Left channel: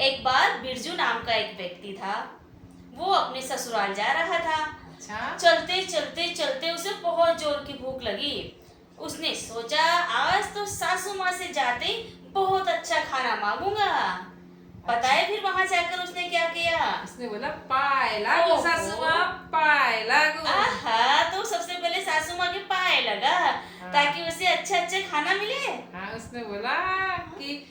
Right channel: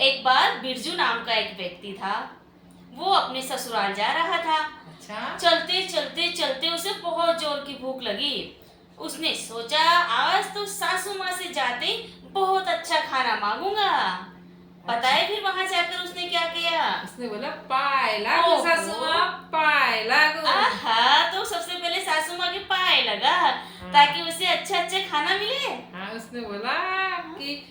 एक बार बिरजू नाम का एक व्यक्ति था। वो अपने ससुराल जा रहा था। अच्छा। चलते चलते चलते उसे बहुत जोर की भूख लगी। उसने सोचा आज तो सासू माँ से जाते ही बहुत अच्छा खाना मांगूंगा। पता है फिर वहां जाकर उसने क्या किया? उसने बोला पाए लागू ओहो। सासू माँ, पाए लागू। आहा, तो सबसे पहले सासू माँ के पाए लगा ताकि उसे अच्छा अच्छा खाना मिले। हाँ, उसने बोला कि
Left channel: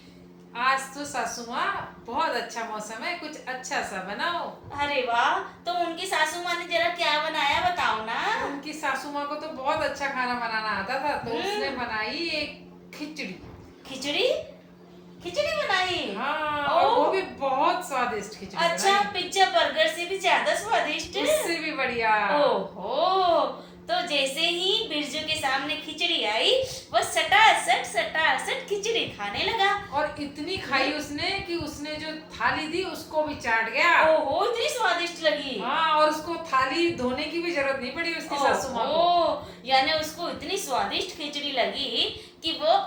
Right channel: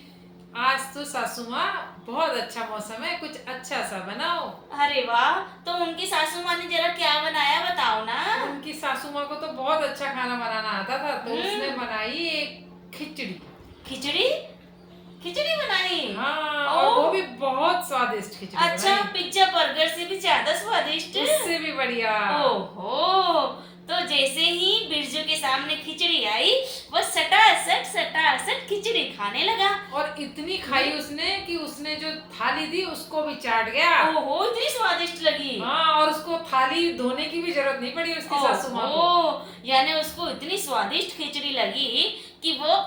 आज तो सासू माँ बहुत अच्छा मौसम है, कुछ अच्छा सा बनाओ। अरे वाह, तो उनकी सासू माँ ने जरा क्या बनाया बताओ ना। उनकी सासू माँ को तो बहुत अच्छा खाना बनाना आता था, तो उसने हम्म। बनाई एक खिचड़ी। खिचड़ी? खिचड़ी बनाई? हाँ, और वो भी बहुत स्वादिष्ट खिचड़ी अच्छा, बनाई। पिज्जा बर्गर से भी ज्यादा स्वादिष्ट? उससे भी बढ़िया। ओहो, तो जैसे ही बिरजू के सामने खिचड़ी आई, वो सटासट खिचड़ी खाने लगा। और इतनी खाई उसने कि उसने जो थाली दी उसको भी चाट गया। ओहो, इतनी स्वादिष्ट लगी। हाँ, और उसको थाली धोने की भी जरूरत नहीं पड़ी उसकी सासू माँ को। ओहो, यानी उसको इतनी स्वादिष्ट खिचड़ी लगी कि वो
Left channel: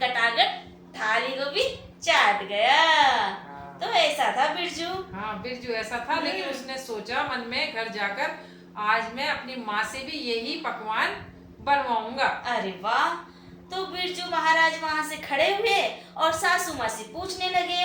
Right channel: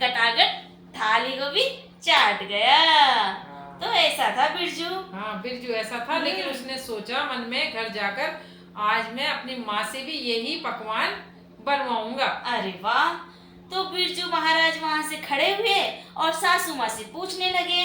गटागट थाली को भी चाट गया। तो ऐसा था बिरजू। हाँ, बिरजू ऐसा था, लेकिन उसने सोचा मन में घर जाकर आज मैं अपनी माँ से भी यही पकवान बनवाऊंगा। अरे वाह, तो बिरजू महाराज वहां से खड़े हुए और सासू माँ से पूछने लगे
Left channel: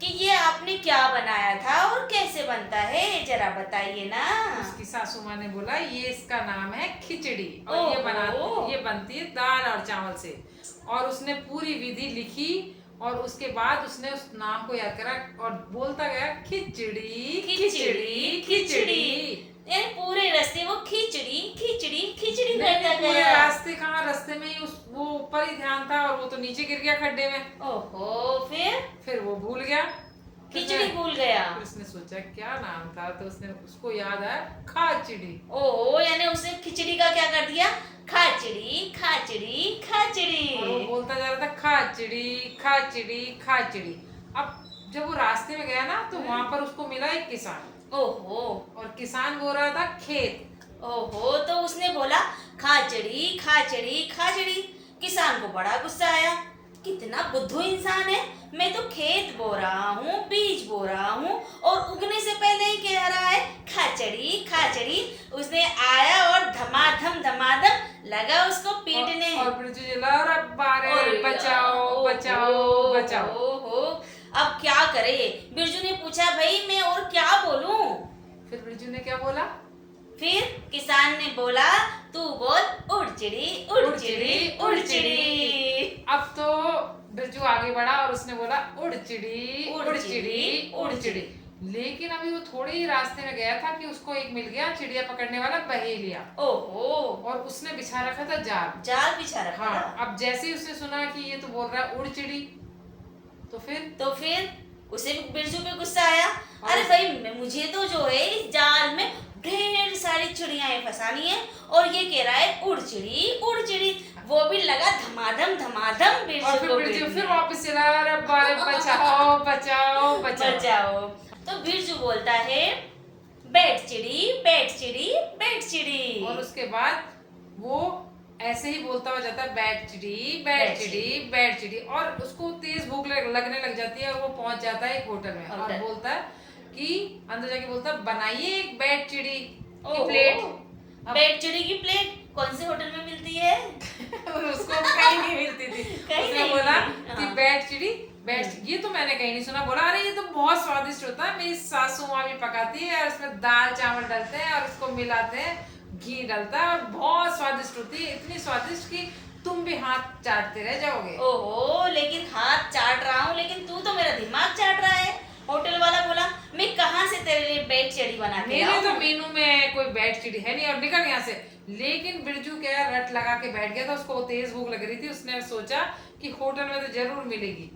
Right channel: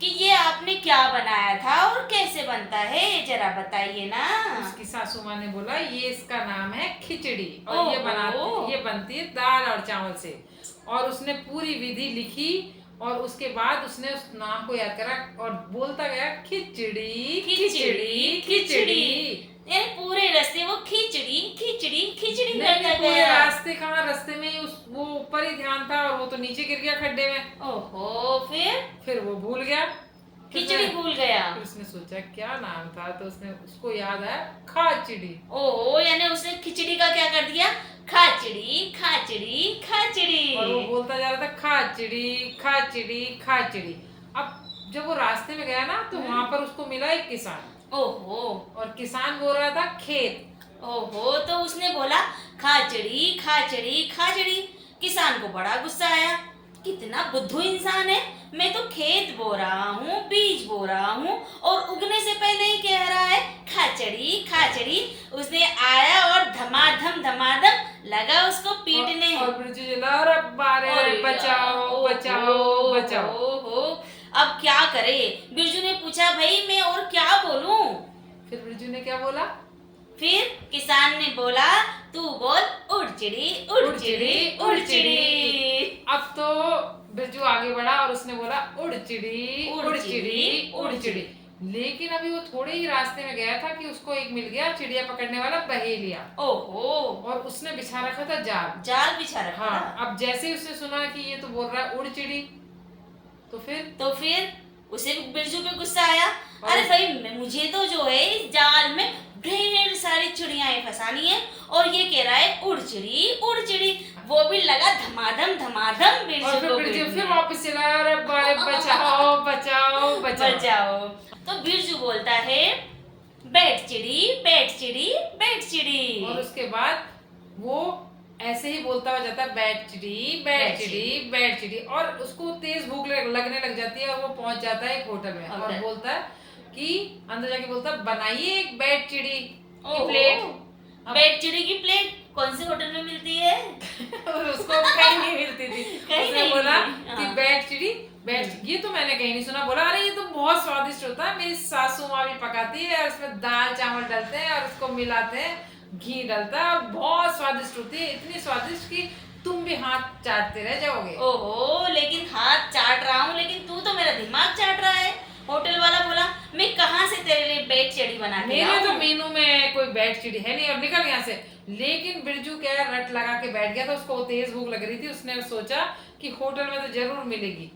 कि ये आपने क्या बनाया था और कैसे बनता है, जरा बताइए ना। उसकी सासू माँ ने बोला ये इसका नाम है खिचड़ी, और ओहो। ये बनती है दाल और चावल से। और उसने पूरी विधि लिखी और उसके बाद उसने उस नाम को याद करा और बोलता गया खिचड़ी खिचड़ी खिचड़ी। यानी पूरे रास्ते वो खिचड़ी खिचड़ी खिचड़ी नहीं, करता पूरे गया। रास्ते कहाँ, रास्ते में ही वो ऊपर ही ध्यान था और वो तो नीचे गिर गया खड्डे में। ओहो, फिर वो भूल गया, खिचड़ी भूल गया। फिर उसने सोचा क्या नाम था, तो उसने उसको याद आया खाचड़ी। ओहो, यानी उसने खिचड़ी का क्या कर दिया? खाचड़ी खाचड़ी खाचड़ी। और वो बोलता जा रहा था खाचड़ी खाचड़ी खाचड़ी। अब जब वो रास्ते में गया ना, तो वहां पर उसको मिला एक किसान। ओहो। और किसान बोल रहा था खेत। ओहो, तो उसने बोला खाचड़ी खाचड़ी खाचड़ी। किसान को बड़ा गुस्सा आया। कितना बुद्धू इंसान है, मैं तो खेत बो रहा हूँ, बीज बो रहा हूँ और उगने से पहले ही कह रहा है खाचड़ी खाचड़ी। उसने आया और धमाधम लगा उसको पीटने। और बिरजू चिल्ला, अरे बारे बचाओ बचाओ बचाओ। ओहो, अब क्या करे? बिरजू ने पूछा भाई मैं और क्या बोलूं? फिर बिरजू ने क्या बोला? फिर किसान ने बोला तू बोल उड़ चिड़ी उड़ चिड़ी उड़ चिड़ी। अब तो बिरजू आगे बढ़ा और उसने बोला उड़ चिड़ी उड़ उड़ चिड़ी, चिड़ी उड़ उड़ चिड़ी। लेकिन अभी वो थोड़े ही रास्ते में गया था कि उसको एक मिल गया चिड़िया पकड़ने वाला बहेलिया। ओहो, और उसने बिछा रखा था जाल। जाल बिछा रखा हाँ, था। अब जैसे ही उसने सुना कि ये तो बोल रहा है उड़ चिड़ी, तो फिर उसे भी बिरजू पे गुस्सा आया। अरे भाई मुझे तो जो है इस जाल में ढेर सारी चिड़ियाएं फंसानी है और ये कह रहा है उड़ चिड़ी। वो भी लगा धमाधम और बिरजू फिर को बिरजू पीटने। फिर वापस चला, अरे बारे बचाओ बचाओ बचाओ। बचाओ। तो बिरजू बोलता है बैठ चिड़ी। और उसके बाद वो ऐसे ही बोलता हुआ जाता है बैठ चिड़ी बैठ चिड़ी बैठ चिड़ी। और उसको तेज भूख लगने लग जाती है और वो पहुंच जाता है एक होटल में और बोलता है कि अंदर जाके बोलता है बनाइए एक बैठ चिड़ी की प्लेट। बैठ चिड़ी की प्लेट कौन से होटल में मिलती है? उसको कहीं नहीं मिलती थी। कहीं उसने नहीं बोला मिलती, कि हाँ। बैठ चिड़ी ये तो मैंने कहीं नहीं सुना। बोला अरे ये तो बहुत स्वादिष्ट होता है, मेरी सासू माँ भी पकाती है और उसमें दाल चावल डालते हैं और उसको मिलाते हैं, घी डलता है और बहुत स्वादिष्ट होती है, इतनी स्वादिष्ट कि तुम भी हाथ चाटते रह जाओगे। ओहो, लेकिन हाथ चाट रहा हूँ लेकिन तू तो मेरा दिमाग चाट रहा है। होटल वाला बोला मैं कहाँ से तेरे लिए बैठ चिड़ी बना के मेरे तो आऊं? मेनू में कोई बैठ चिड़ी है नहीं और निकल यहाँ से। लेकिन बिरजू क्या रट लगा के बैठ गया था, उसको तेज भूख लग रही थी। उसने सोचा कि होटल में तो जरूर मिलेगी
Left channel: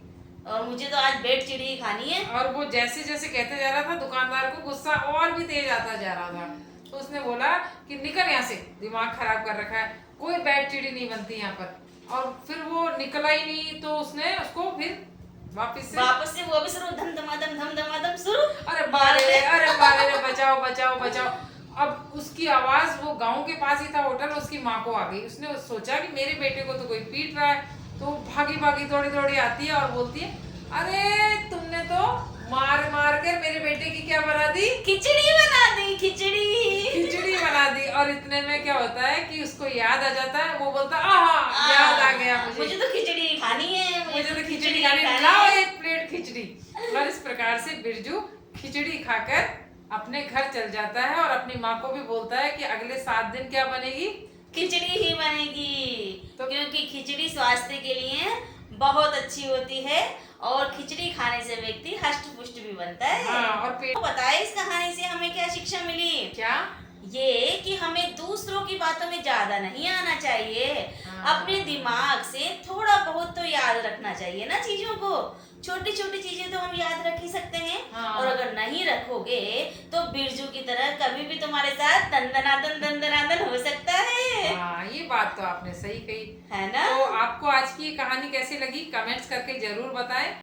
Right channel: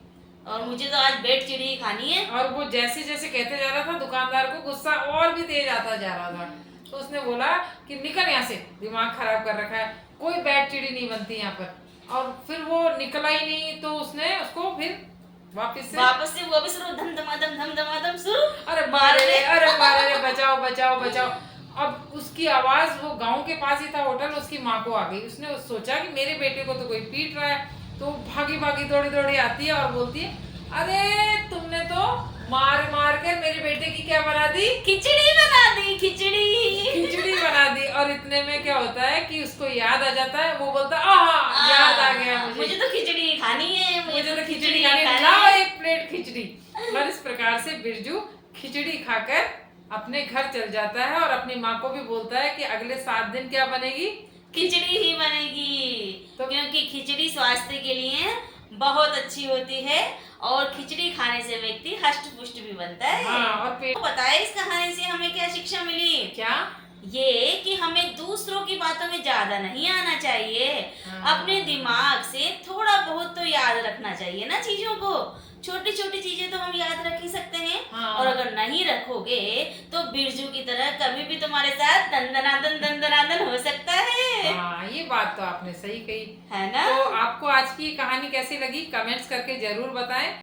और मुझे तो आज बैठ चिड़ी ही खानी है। और वो जैसे जैसे कहते जा रहा था दुकानदार को गुस्सा और भी तेज आता जा रहा था। तो उसने बोला कि निकल यहाँ से, दिमाग खराब कर रखा है, कोई बैठ चिड़ी नहीं बनती यहाँ पर। और फिर वो निकला ही नहीं, तो उसने उसको फिर वापस से वो भी शुरू धम शुरू। अरे मारे रे बचाओ बचाओ बचाओ। अब उसकी आवाज वो गांव के पास ही था होटल, उसकी माँ को आ गई। उसने सोचा कि मेरे बेटे को तो कोई पीट रहा है, तो भागी भागी दौड़ी दौड़ी आती है और बोलती है अरे तुमने तो मार क्या बना दी? खिचड़ी बना दी, खिचड़ी। खिचड़ी बना दी। और इतने में क्या होता है कि उसको याद आ जाता है, वो बोलता है आहा याद आ गया मुझे तो खिचड़ी खानी है, मुझे तो खिचड़ी खानी है, लाओ एक प्लेट खिचड़ी। और इस प्रकार से बिरजू खिचड़ी खाकर अपने घर चल जाता है और अपनी माँ को भी बोलता है कि अगले 7 दिन क्या बनेगी? खिचड़ी ही बनेगी। तो क्योंकि खिचड़ी स्वास्थ्य के लिए बहुत अच्छी होती है और खिचड़ी खाने से व्यक्ति हष्ट पुष्ट भी बनता है। हाँ, और पेट तो बताए इस कहानी से हमें क्या शिक्षा मिली? क्या? ये कि हमें दूसरों की बातों में ज्यादा नहीं आना चाहिए। हाँ। अपने दिमाग से थोड़ा बहुत तो याद रखना चाहिए ना चीजों को। छोटी छोटी चीजें तो हम याद रख ही सकते हैं। हाँ। और अगर नहीं रखोगे तो बिरजू की तरह कभी भी तुम्हारे साथ दंदनादन हो सकता है। हाँ, ये बात तो आपने सही कही है ना? तो आपको आज की ये कहानी कैसी लगी कमेंट्स करके जरूर बताएं।